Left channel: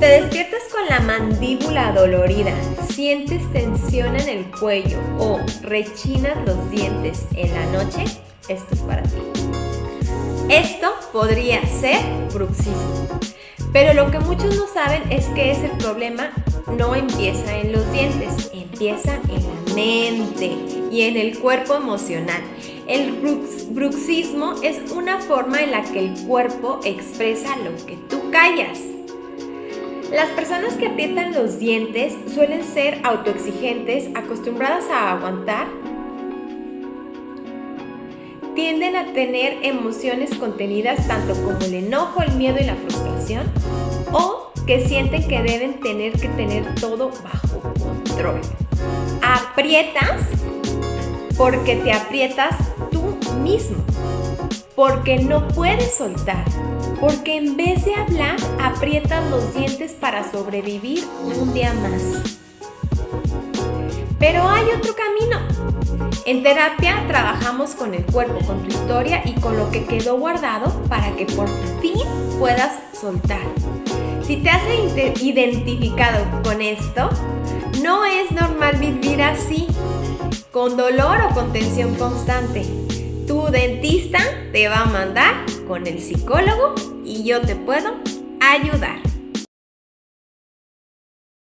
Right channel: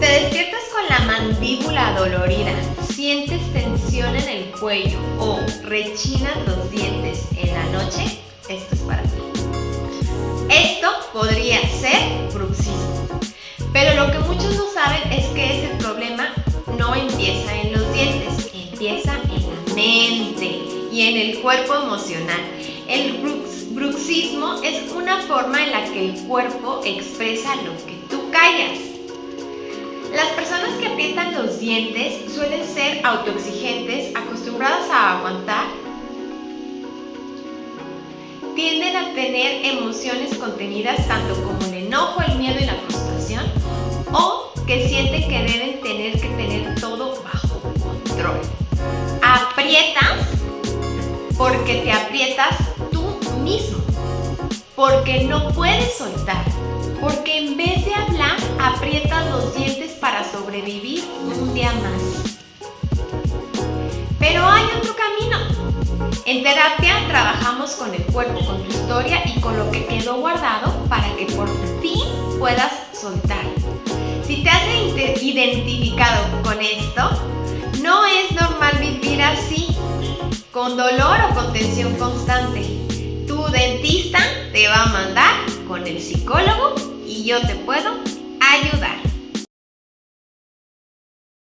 Te despiertas con la mandíbula dolorida, sientes tensión en el cuello o rechinas los dientes en la noche, esto es para ti. Esto podría ser bruxismo, pero lo que muchos no saben es que ese problema no empieza en los dientes, empieza en la mente y en el cuerpo emocional. El bruxismo es una forma en la que el cuerpo expresa lo que tú callas. Las personas que aprietan los dientes suelen ser autoexigentes, acostumbradas a aguantar, tienden a tener emociones contenidas tanto como el enojo, el miedo y la frustración, o que sienten que deben tener todo bajo control. Aprietas porque te aprietas tú mismo, porque no puedes soltar, porque en vez de hablar, aprietas los dientes para sobrevivir un día más. Pero hay otro camino. En terapia trabajamos con el cuerpo, con tu historia y con lo que quedó guardado para que por fin puedas soltar. Si te has identificado con esto, no es normal vivir así, con dolor o con tensión constante. Tu dentista te va a mandar con el psicólogo y yo te puedo ayudar.